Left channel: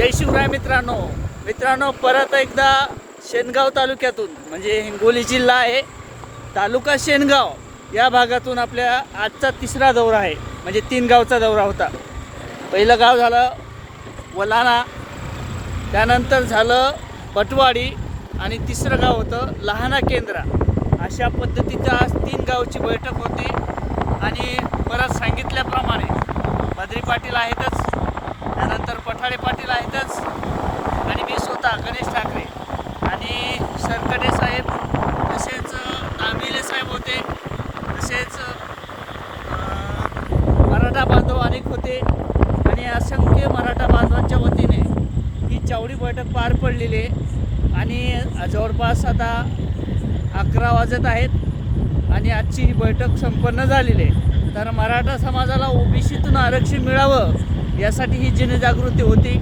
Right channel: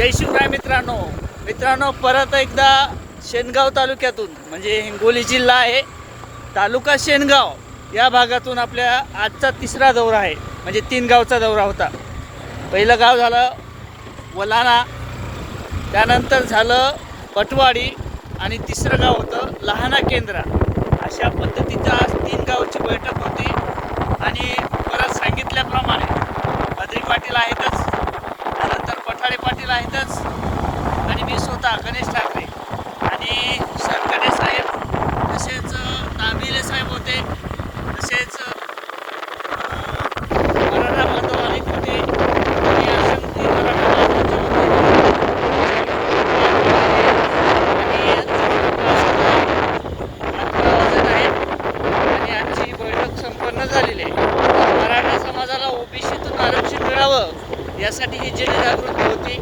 जय शिवराय मित्रांनो परत एकदा शेनगाव तालुक्यातून म्हणजे हिंगोली जिल्हा आहे, तालुका शेनगाव या भागातून आपल्या आजचा तिसरा दौरा आहे. म्हणजे 3 गावचा दौरा होता. पहिलं गाव झालं वलाना, त्यानंतर झालं पटवाडी आणि तिसरं गाव होतं लहाना केंद्रा. अशा पद्धतीचा आज 3 गावची बैठक होती. आणि परत सांगितल्याप्रमाणे बद्री पाटील आहेतच, त्यानंतर पठाडे पाटील आहेतच, आणि मी स्वतः गणेश ठाकरे आणि सरकडे साहेब, तसेच तांबिले साहेब होते, तसेच मराठा बांधव अनेक होते आणि असंख्य मराठा बांधवांच्या वतीने पार पडलेले आणि जवळपास आता 11 वाजत आहेत आणि आजची ही बैठक संपन्न झालेली आहे. तर मराठा समाजाला ओबीसीतून आरक्षण मिळावं यासाठी ही जनजागृती होती.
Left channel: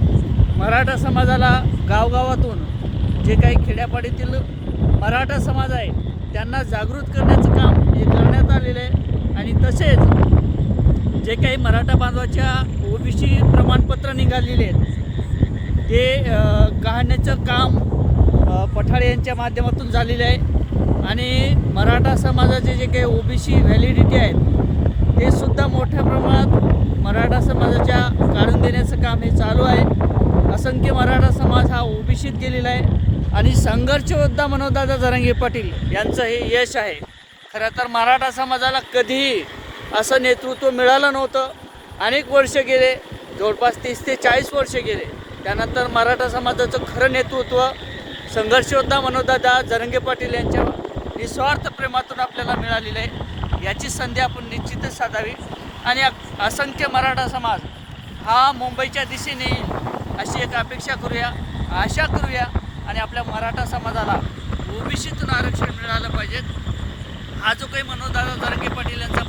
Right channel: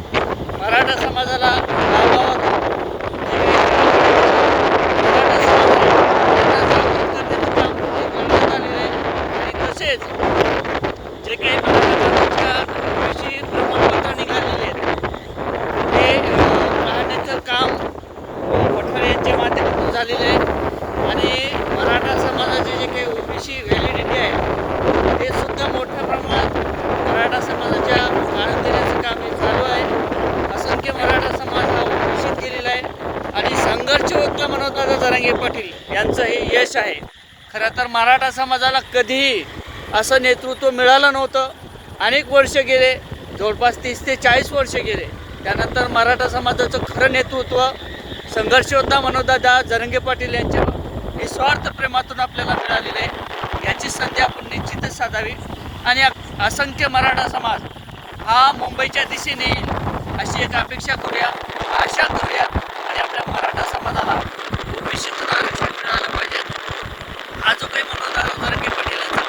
मराठा समाजाला गावगावातून जे काही मराठा समाज आहे त्यांना जागृत करण्याचं काम हे करण्यात आलेलं आहे. आणि तसेच जे काही मराठा बांधवाच्या ओबीसी प्रमाणपत्र निघालेले आहेत ते काढण्याचं काम पठारे यांच्या माध्यमातून झालेलं आहे. आणि मराठा समाजाचे जे काही ओबीसी व्हॅलिडिटी आहे ते सुद्धा मोठ्या प्रमाणात मराठा समाजाच्या काढून देण्याचं काम हे चालू आहे. असंख्य मराठा समाज हा ओबीसीत गेलेला आहे आणि संघर्ष योद्धा मनोजदादा जरांगे पाटील यांचं हे यश आहे. खरं तर मराठा समाजाला कधीही असं नेतृत्व मिळालं नव्हतं. अनेक वर्ष गेले, जवळपास 30 ते 40 वर्ष गेले. त्यानंतर मराठा समाजाचं खरं नेतृत्व संघर्ष योद्धा मनोजदादा जरांगे पाटील यांच्या निस्वार्थ प्रेमातून आपल्याला मिळालेलं आहे. याची संधी आपण निश्चितच साधावी आणि असंख्य मराठा समाज हा मुंबईच्या दिशेने अशी एक अपेक्षा करूया, आशा करूया आणि आपल्या मराठा समाजाला ओबीसीतून आरक्षण मिळालं पाहिजे. हा जो काही मनोजदादा जरांगे पाटील यांचा